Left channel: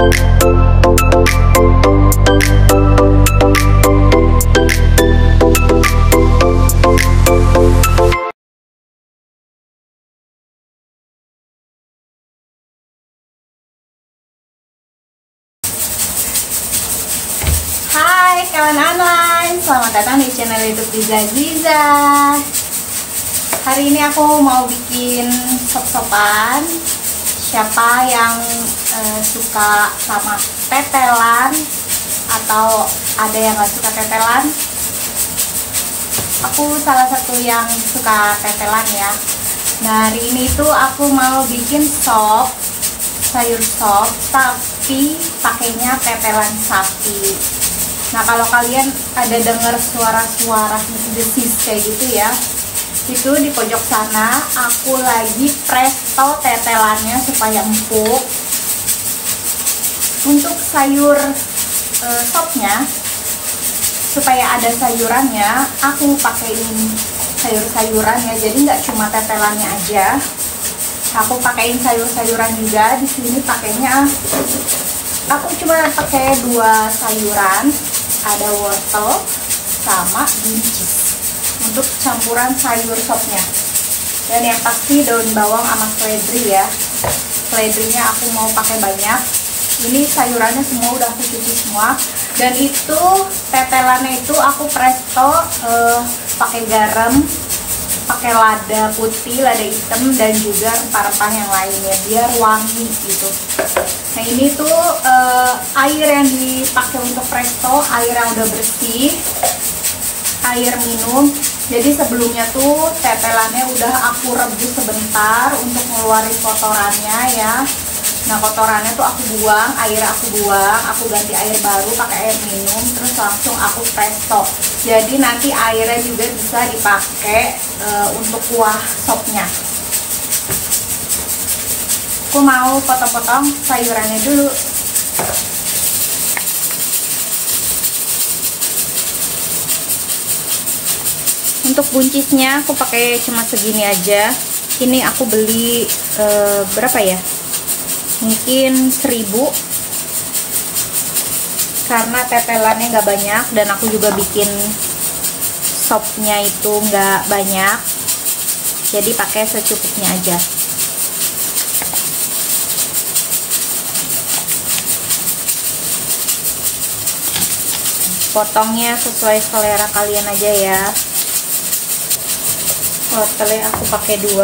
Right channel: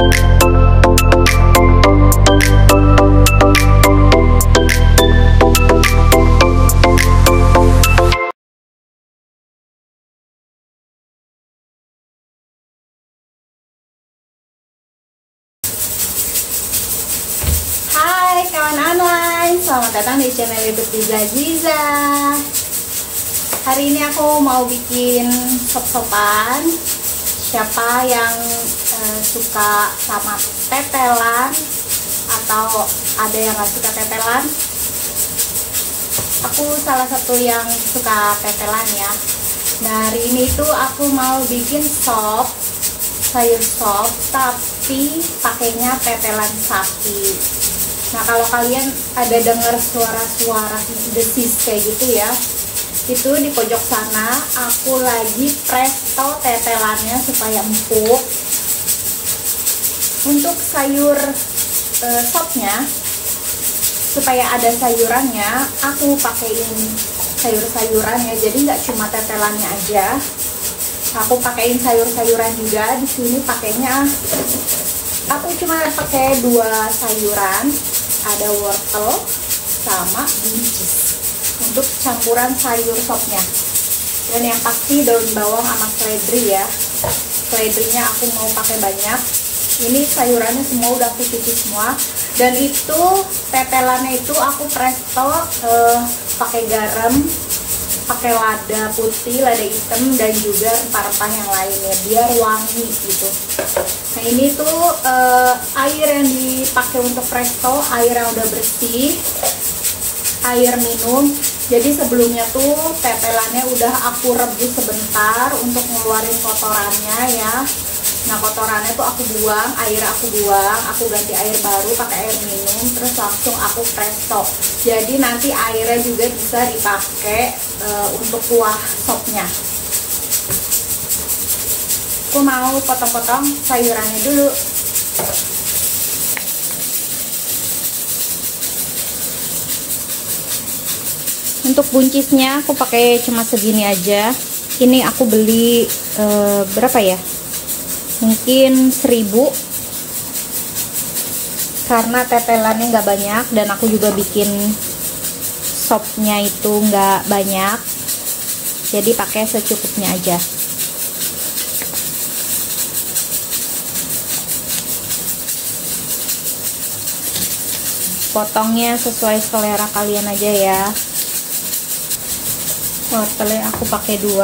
Hai kawan online, selamat datang di channel YouTube Diza Aziza. Hari ini aku mau bikin sop-sopan. Siapa yang suka sama tetelan atau ada yang gak suka tetelan? Aku salah satu yang suka tetelan ya. Nah, hari ini tuh aku mau bikin sop, sayur sop, tapi pakainya tetelan sapi. Nah, kalau kalian ada dengar suara-suara desis kayak gitu ya, itu di pojok sana aku lagi presto tetelannya supaya empuk. Untuk sayur sopnya, supaya ada sayurannya, aku pakaiin sayur-sayurannya, jadi nggak cuma tetelannya aja. Aku pakaiin sayur-sayuran juga. Di sini pakainya aku cuma pakai 2 sayuran, ada wortel sama buncis untuk campuran sayur sopnya. Dan yang pasti daun bawang sama seledri ya. Seledrinya aku mau pakai banyak. Ini sayurannya semua udah aku cuci semua. Dan itu tetelannya itu aku presto pakai garam, pakai lada putih, lada hitam, dan juga rempah-rempah yang lainnya biar wangi gitu. Nah, ini tuh air yang dipakai untuk presto, air yang udah bersih, air minum. Jadi sebelumnya tuh tetelannya udah aku rebus sebentar untuk ngeluarin kotorannya ya. Nah, kotorannya tuh aku buang, air aku buang, aku ganti air baru pakai air minum, terus langsung aku presto. Jadi nanti airnya juga bisa dipakai untuk kuah sopnya. Aku mau potong-potong sayurannya dulu. Untuk buncisnya aku pakai cuma segini aja. Ini aku beli berapa ya? Mungkin 1000. Karena tetelannya nggak banyak dan aku juga bikin sopnya itu nggak banyak. Jadi pakai secukupnya aja. Potongnya sesuai selera kalian aja ya. Wortelnya aku pakai 2.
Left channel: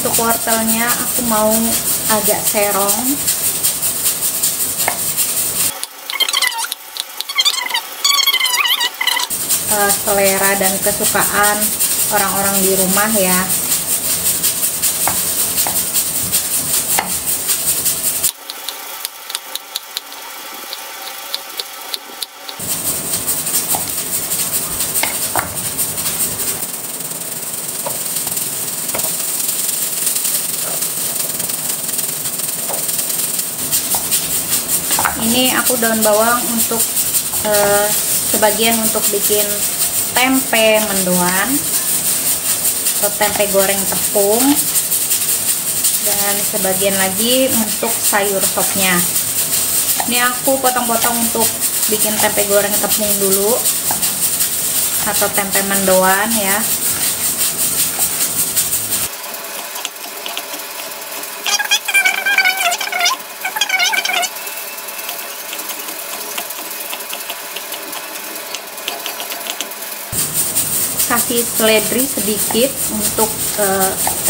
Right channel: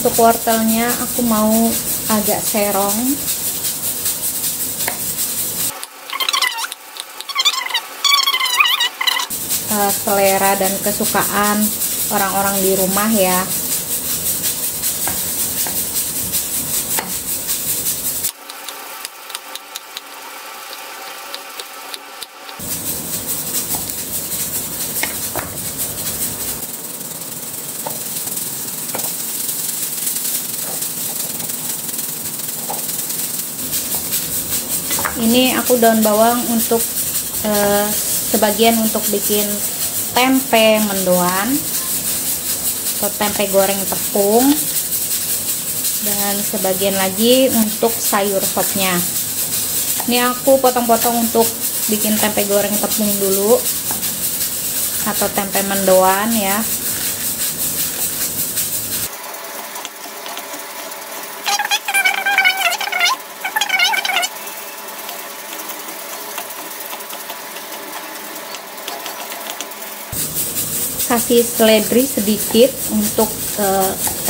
Untuk wortelnya aku mau agak serong. Selera dan kesukaan orang-orang di rumah ya. Ini aku daun bawang untuk sebagian untuk bikin tempe mendoan atau tempe goreng tepung, dan sebagian lagi untuk sayur sopnya. Ini aku potong-potong untuk bikin tempe goreng tepung dulu atau tempe mendoan ya. Kasih seledri sedikit untuk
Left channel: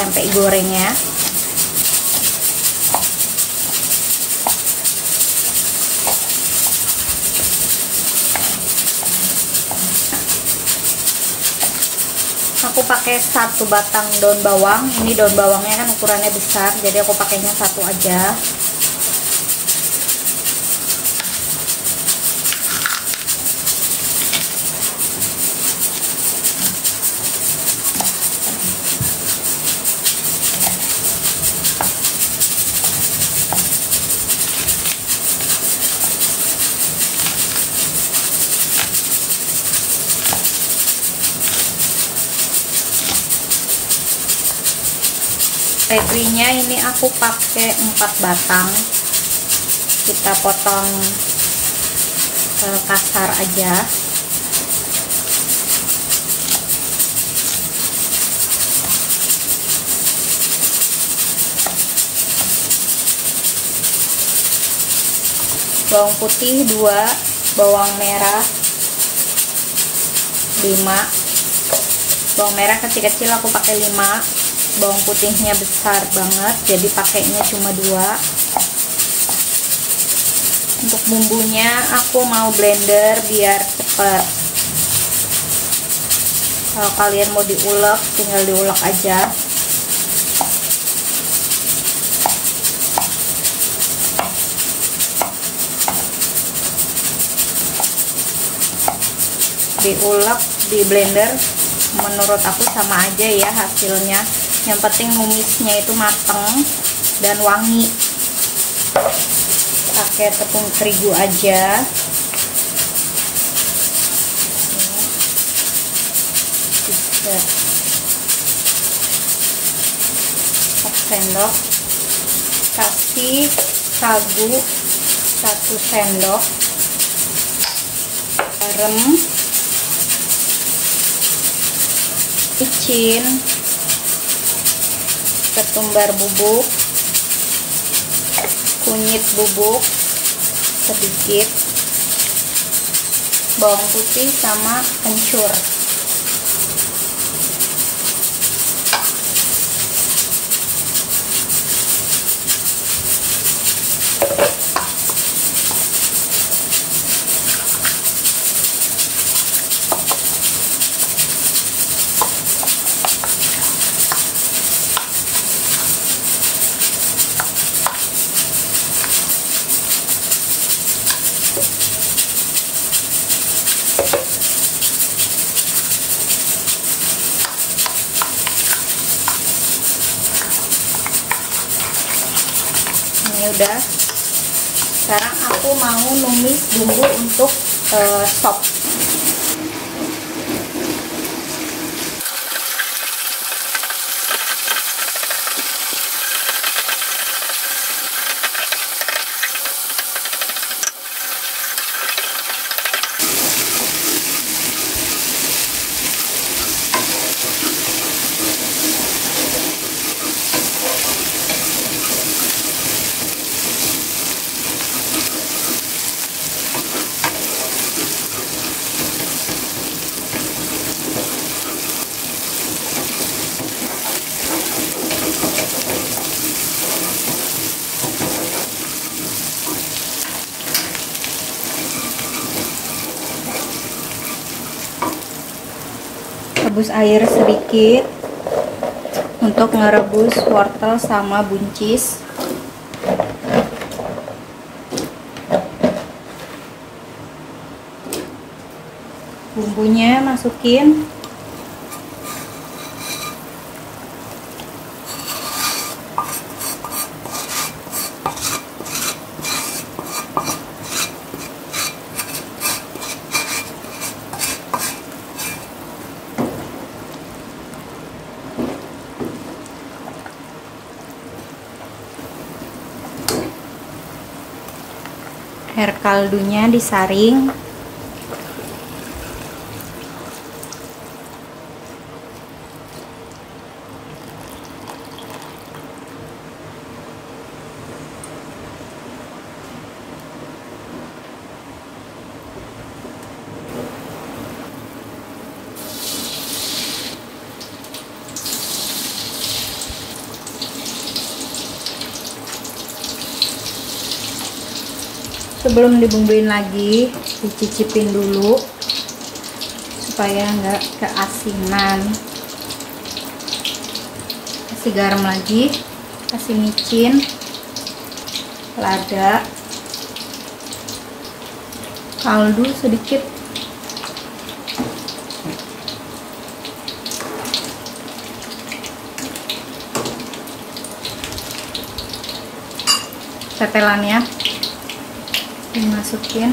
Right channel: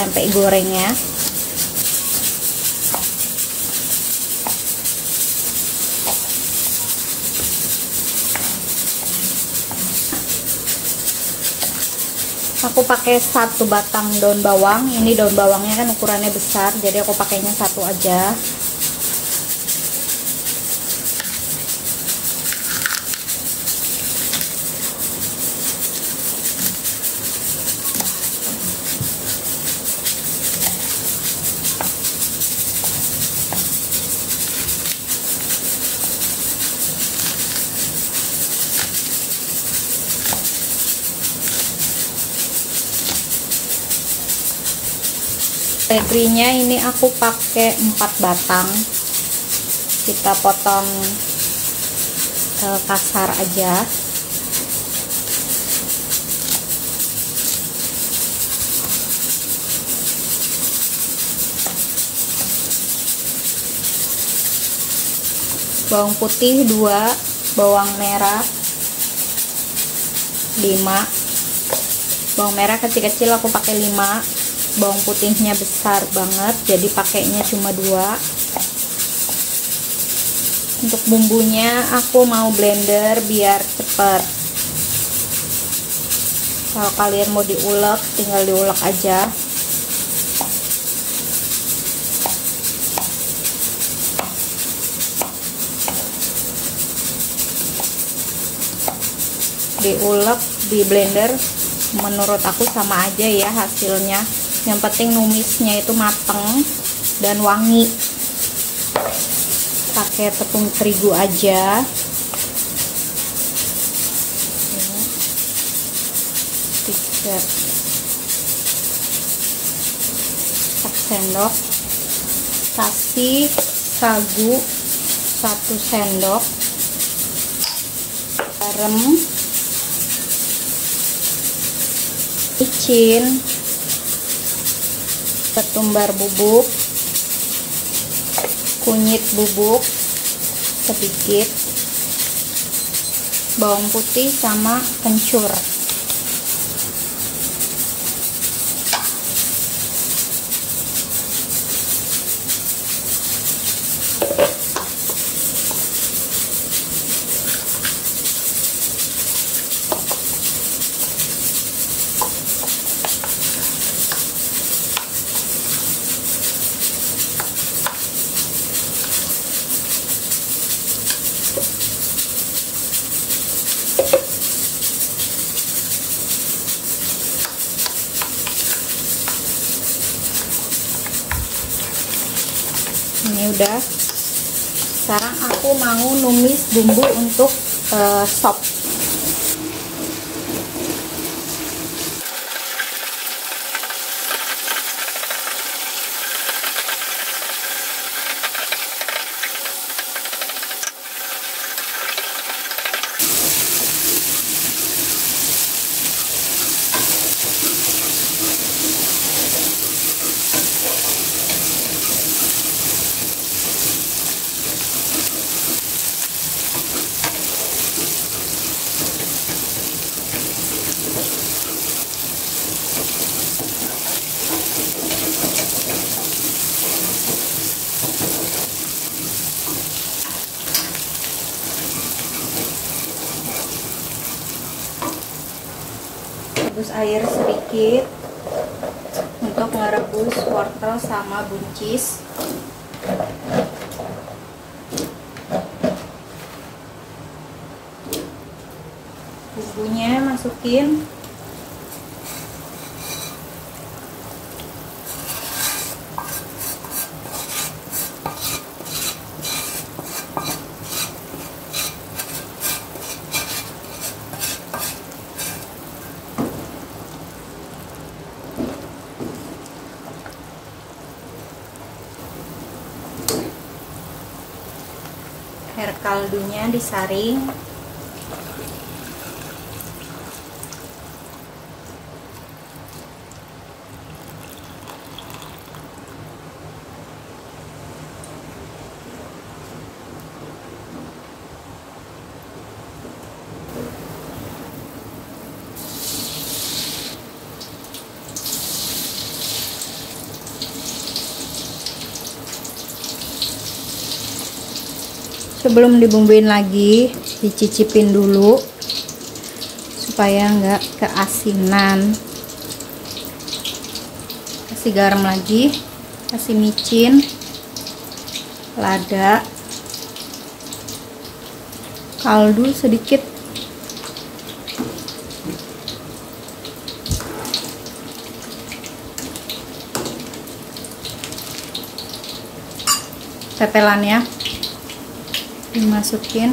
tempe gorengnya. Aku pakai 1 batang daun bawang. Ini daun bawangnya kan ukurannya besar, jadi aku pakainya 1 aja. Pedrinya ini aku pakai 4 batang. Kita potong kasar aja. Bawang putih 2, bawang merah 5. Bawang merah kecil-kecil aku pakai 5. Bawang putihnya besar banget, jadi pakainya cuma 2. Untuk bumbunya aku mau blender biar cepet. Kalau kalian mau diulek, tinggal diulek aja. Diulek, di blender, menurut aku sama aja ya hasilnya. Yang penting numisnya itu mateng dan wangi. Pakai tepung terigu aja. 3 sendok. Kasih sagu 1 sendok. Garam, micin, ketumbar bubuk, kunyit bubuk sedikit, bawang putih sama kencur. Ini udah. Sekarang aku mau numis bumbu untuk sop. Rebus air sedikit untuk merebus wortel sama buncis. Bumbunya masukin. Air kaldunya disaring. Sebelum dibumbuin lagi, dicicipin dulu supaya nggak keasinan. Kasih garam lagi, kasih micin, lada, kaldu sedikit, tetelannya dimasukin.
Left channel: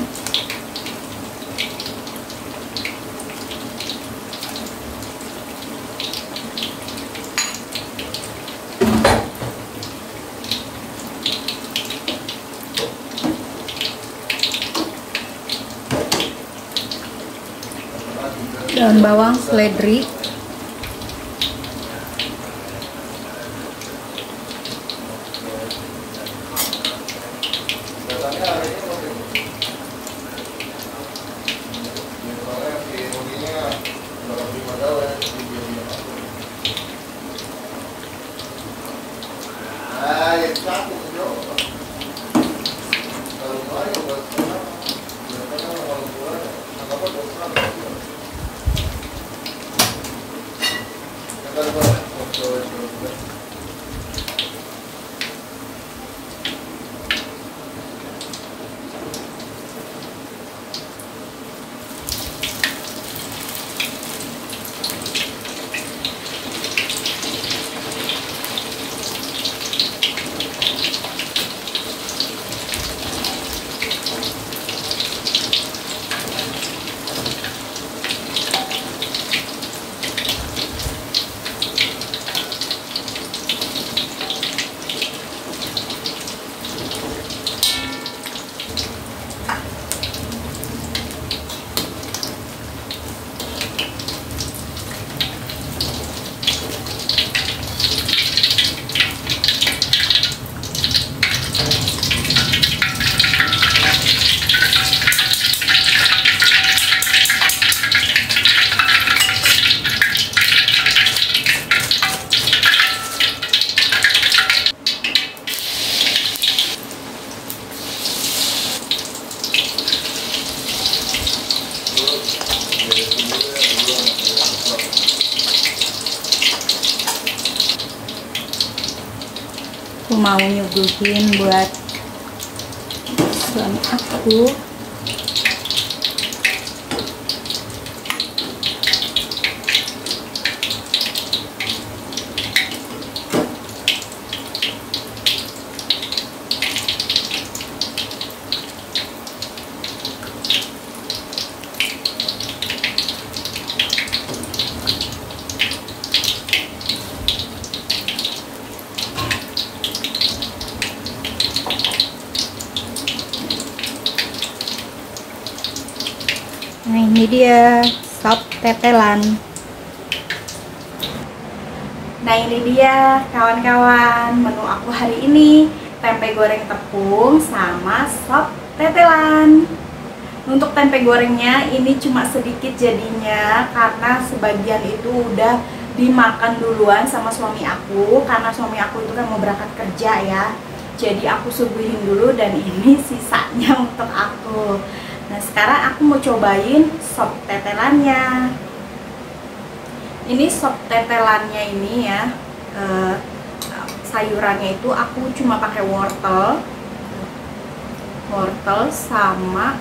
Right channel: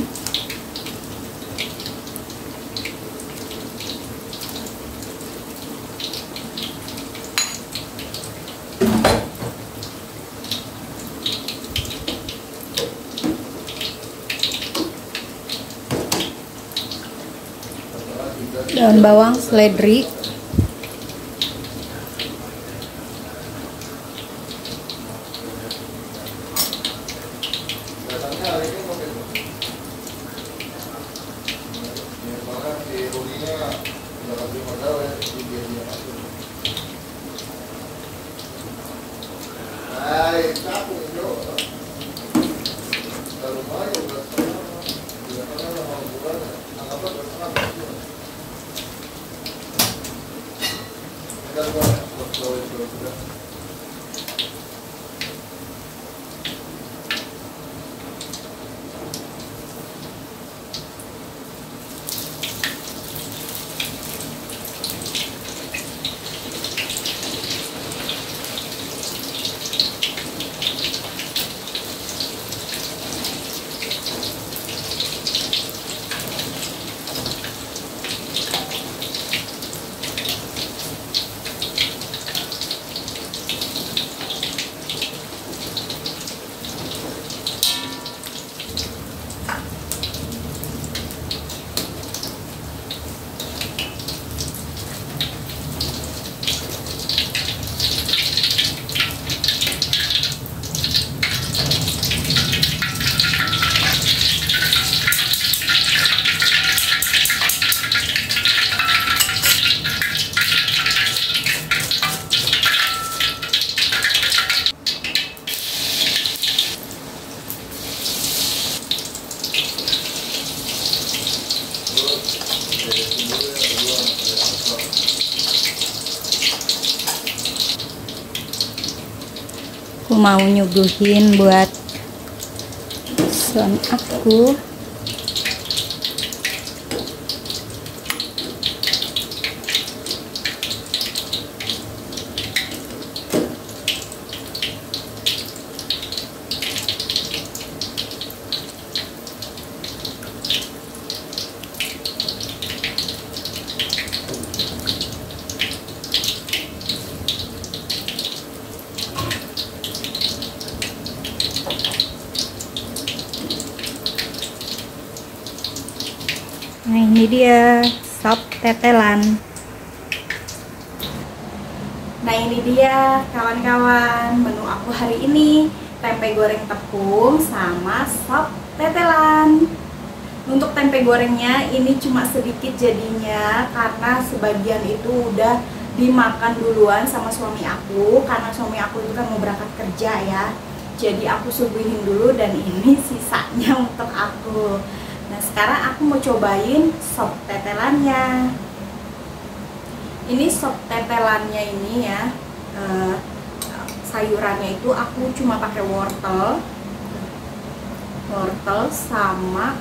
daun bawang, seledri, aku mau nyuguhin buat suami aku. Nah, ini dia sop tetelan. Nah, ini dia kawan-kawan menu aku hari ini, tempe goreng tepung sama sop tetelan. Untuk tempe gorengnya ini cuma sedikit jadinya karena sebagian itu udah dimakan duluan sama suami aku, karena suami aku itu kan mau berangkat kerja ya. Jadi aku suguhin dulu dan ini sisanya untuk aku. Nah, sekarang aku mau cobain sop tetelannya. Ini sop tetelannya ini ya, sayurannya itu aku cuma pakai wortel sama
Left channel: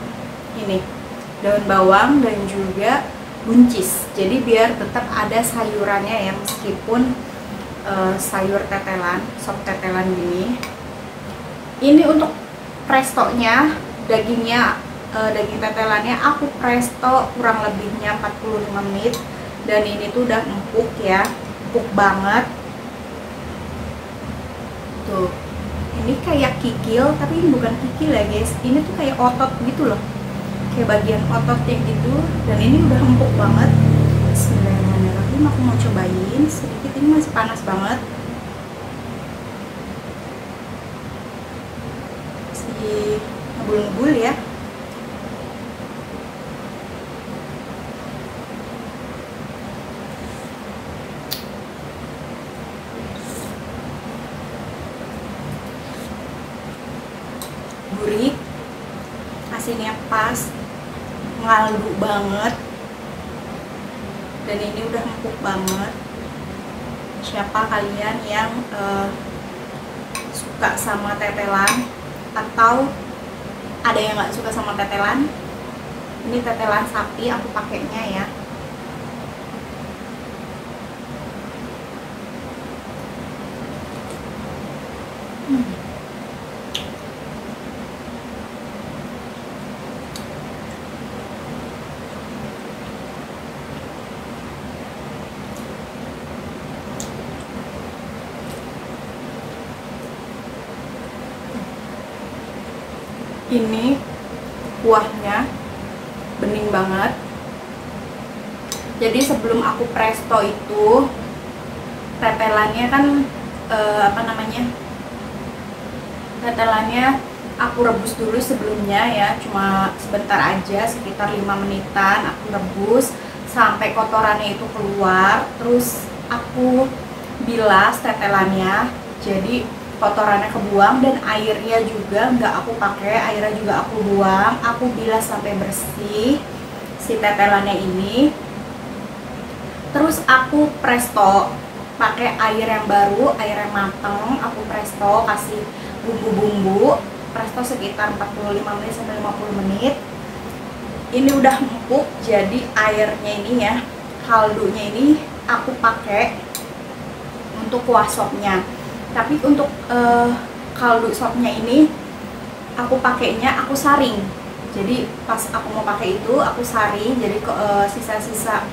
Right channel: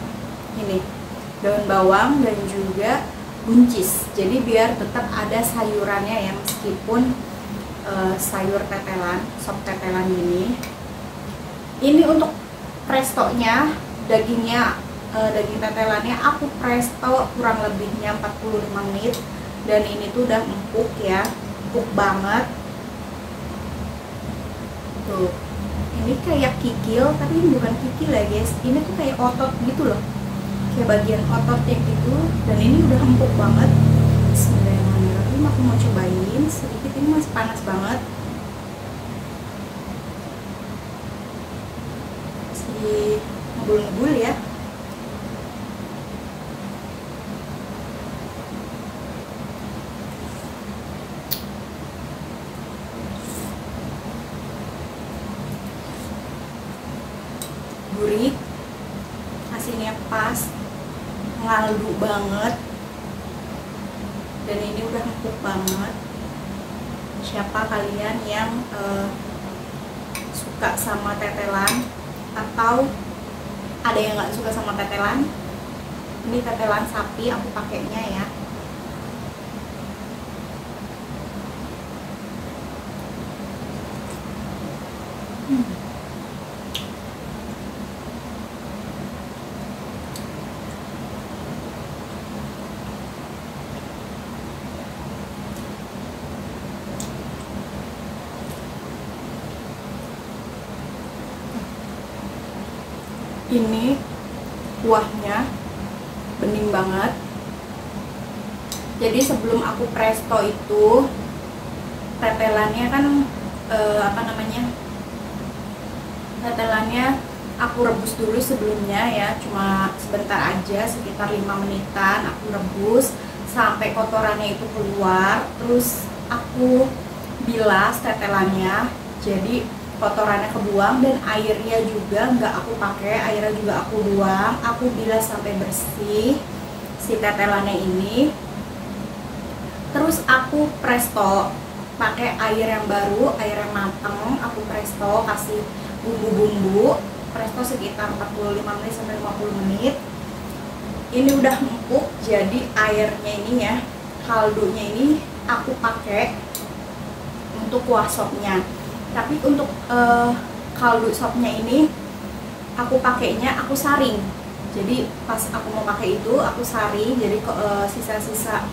ini daun bawang dan juga buncis. Jadi biar tetap ada sayurannya ya, meskipun sayur tetelan, sop tetelan gini. Ini untuk prestonya, daging tetelannya aku presto kurang lebihnya 45 menit dan ini tuh udah empuk ya, empuk banget tuh. Ini kayak kikil tapi ini bukan kikil ya guys, ini tuh kayak otot gitu loh, kayak bagian ototnya gitu, dan ini udah empuk banget. Bismillahirrahmanirrahim, aku mau cobain sedikit, ini masih panas banget, masih ngebul-ngebul ya. Gurih, asinnya pas, ngaldu banget, dan ini udah empuk banget. Siapa kalian yang suka sama tetelan atau ada yang nggak suka sama tetelan, ini tetelan sapi aku pakainya ya. Ini kuahnya bening banget, Jadi sebelum aku presto itu tetelannya kan tetelannya aku rebus dulu sebelumnya ya, cuma sebentar aja, sekitar 5 menitan aku rebus sampai kotorannya itu keluar. Terus aku bilas tetelannya, jadi kotorannya kebuang dan airnya juga nggak aku pakai, airnya juga aku buang. Aku bilas sampai bersih si tetelannya ini. Terus aku presto pakai air yang baru, air yang mateng. Aku presto, kasih bumbu-bumbu, presto sekitar 45 menit sampai 50 menit. Ini udah empuk, jadi airnya ini ya, kaldunya ini aku pakai untuk kuah sopnya. Tapi untuk kaldu sopnya ini aku pakainya aku saring. Jadi pas aku mau pakai itu aku saring, jadi sisa-sisa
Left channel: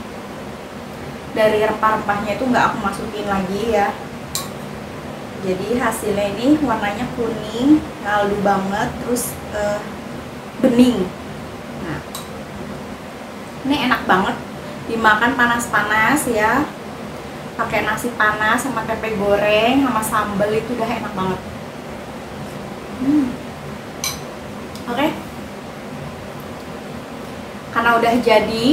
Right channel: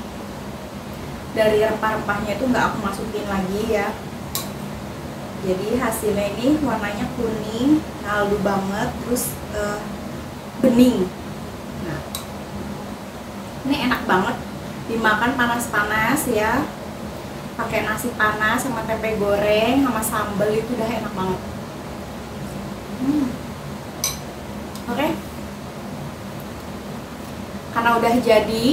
dari rempah-rempahnya itu nggak aku masukin lagi ya. Jadi hasilnya ini warnanya kuning, kaldu banget, terus bening. Nah, ini enak banget dimakan panas-panas ya, pakai nasi panas sama tempe goreng sama sambal, itu udah enak banget. Oke. Karena udah jadi,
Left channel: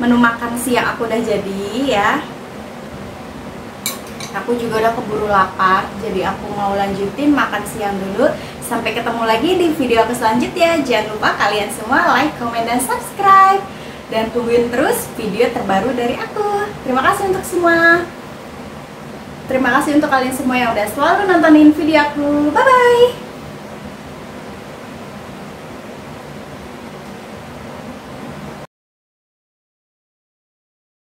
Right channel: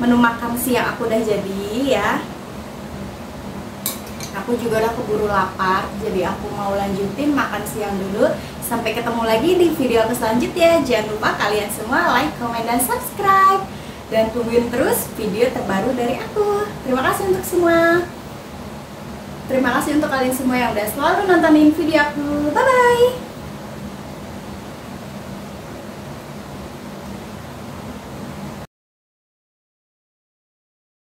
menu makan siang aku udah jadi ya. Aku juga udah keburu lapar, jadi aku mau lanjutin makan siang dulu. Sampai ketemu lagi di video aku selanjutnya. Jangan lupa kalian semua like, komen, dan subscribe. Dan tungguin terus video terbaru dari aku. Terima kasih untuk semua. Terima kasih untuk kalian semua yang udah selalu nontonin video aku. Bye-bye.